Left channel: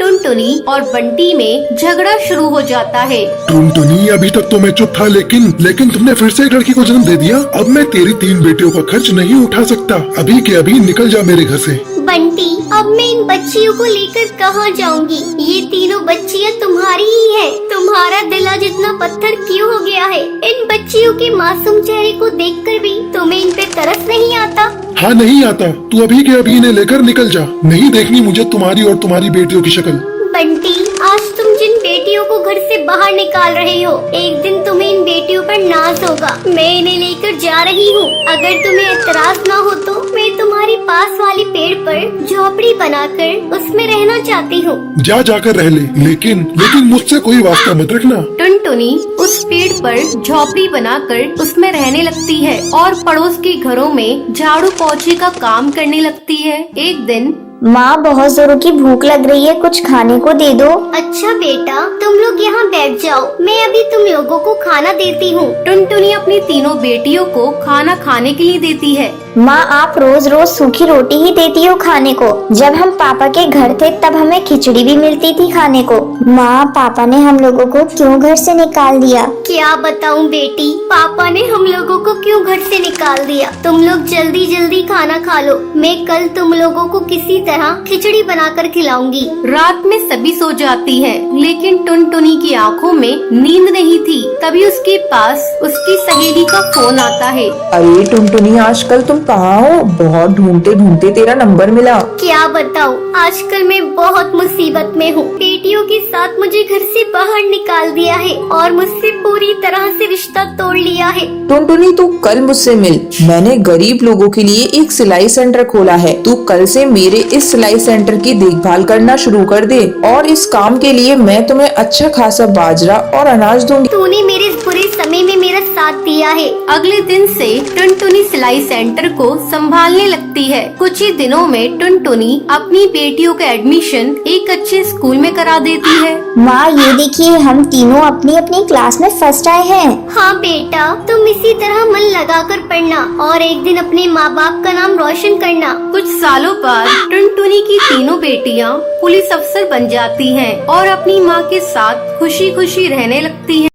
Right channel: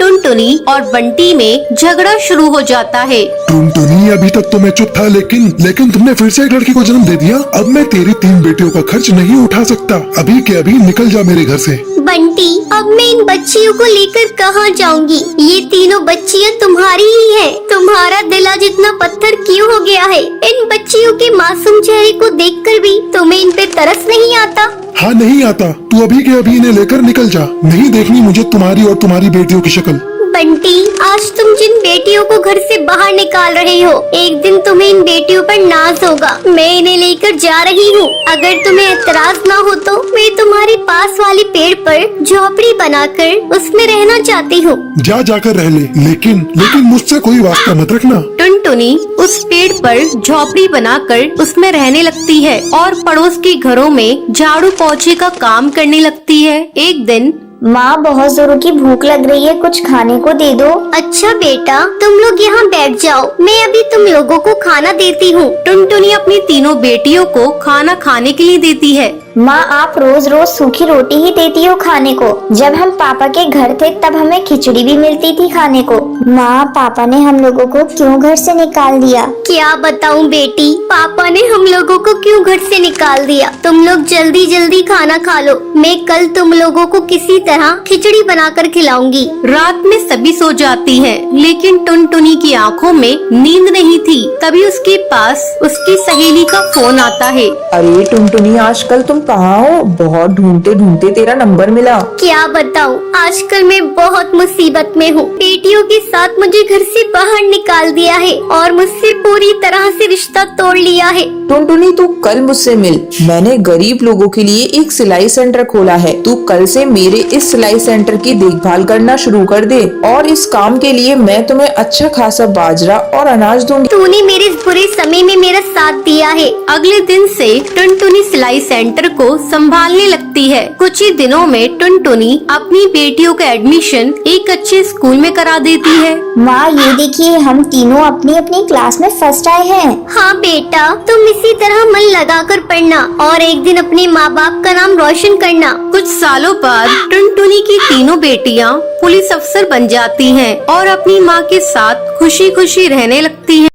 टुनटुनी और बंटी में झगड़ा शुरू हो जाता है। टुनटुनी, अभी तक तो मैं चुप था, लेकिन तुमने फिर से एक लड़की को जन्म दे दिया। अब मैं तेरी 3 बेटियों का खर्च नहीं उठा सकता। अभी के अभी निकल जा मेरे घर से। बंटी, अब मैं इन बच्चियों को लेकर कहाँ जाऊंगी? ये तीनों बच्चियाँ तुम्हारी ही हैं। तुम्हारा दिल आज इतना पत्थर क्यों हो गया है? इन बच्चियों के मासूम चेहरे को देखकर भी तुम्हें इन पे तरस नहीं आता? हाँ, नहीं आता। तू अभी के अभी इन्हें लेकर निकल जा। नहीं देखनी मुझे तुम्हारी और तुम्हारी बेटियों की शक्ल। बंटी, आज तुम जिन बेटियों को घर से बाहर निकाल रहे हो, एक दिन तुम्हें इन बेटियों पर नाज होगा। मैं इन्हें लेकर जा रही हूँ। अगर तुम्हें एतराज ना हो तो मैं तुम्हारे पास वाले पेड़ पर झोपड़ी बनाकर उसमें रहना चाहती हूँ। जाकर रह ले, लेकिन मुझसे कोई वास्ता मत रखना। टुनटुनी उस पेड़ पर झोपड़ी बनाकर उसमें रहने लगती है और पड़ोस के घरों में झाड़ू पोछे का काम करने लगती है। एक दिन, माँ, बहुत जोरों की भूख लग रही है, कुछ खाने को दे दो। अच्छा बेटा, तुम लोग यहाँ बैठ जाओ, मैं अभी तुम लोगों को खाना देती हूँ। टुनटुनी अपनी तीनों बेटियों को खाना खाने के लिए देती है। माँ, आप रोज रोज सूखी रोटी ही देती हो खाने को। जब हम पापा के घर थे तब हमें खिचड़ी भी मिलती थी खाने को। माँ, पापा ने हम लोगों को क्यों घर से निकाल दिया? क्या बताऊं बेटी, पापा ने हम लोगों को क्यों घर से निकाल दिया? तुम लोग जल्दी जल्दी खाना खा लो। मैं कल तुम लोगों को किसी तरह खिचड़ी बनाकर खिलाऊंगी। रात में सभी सो जाती है, लेकिन टुनटुनी की आंखों में नींद नहीं थी। तभी उसके पास उसकी सहेली का फोन आता है। अरे टुनटुनी, आजकल तुम कहाँ हो? बहुत ढूंढते ढूंढते तेरा नंबर मिला। क्या बताऊं, आजकल मैं बहुत मुसीबत में हूँ। बेटियों के साथ मुझे घर से बाहर निकाल दिया है और मुझसे पूरी तरह से रिश्ता तोड़ लिया है। टुनटुनी, तू कल मुझसे मिल। मैंने गरीब लोगों के लिए एक सिलाई सेंटर खोला है। तू कल से मेरे इस सिलाई सेंटर की देखभाल करना शुरू कर दे और इस काम के लिए मैं तुम्हें अच्छा खासा बाजरा और अनाज दूंगी। तूने मेरे इस बुरे समय में मेरा साथ दिया है। अगले दिन से टुनटुनी सिलाई सेंटर को संभालने लगती है। कुछ ही दिनों में टुनटुनी अपनी बेटियों का एडमिशन एक अच्छे स्कूल में करा देती है। माँ, ये देखिए, हम तीनों अपनी अपनी क्लास में फर्स्ट आए हैं। हाँ बेटा, तुम इसी तरह मन लगाकर पढ़ना और एक दिन अपने माँ बाप का नाम रोशन करना। कुछ सालों बाद टुनटुनी की तीनों बेटियां पुलिस अफसर बन जाती हैं और अपनी माँ के साथ खुशी खुशी रहने लगती हैं।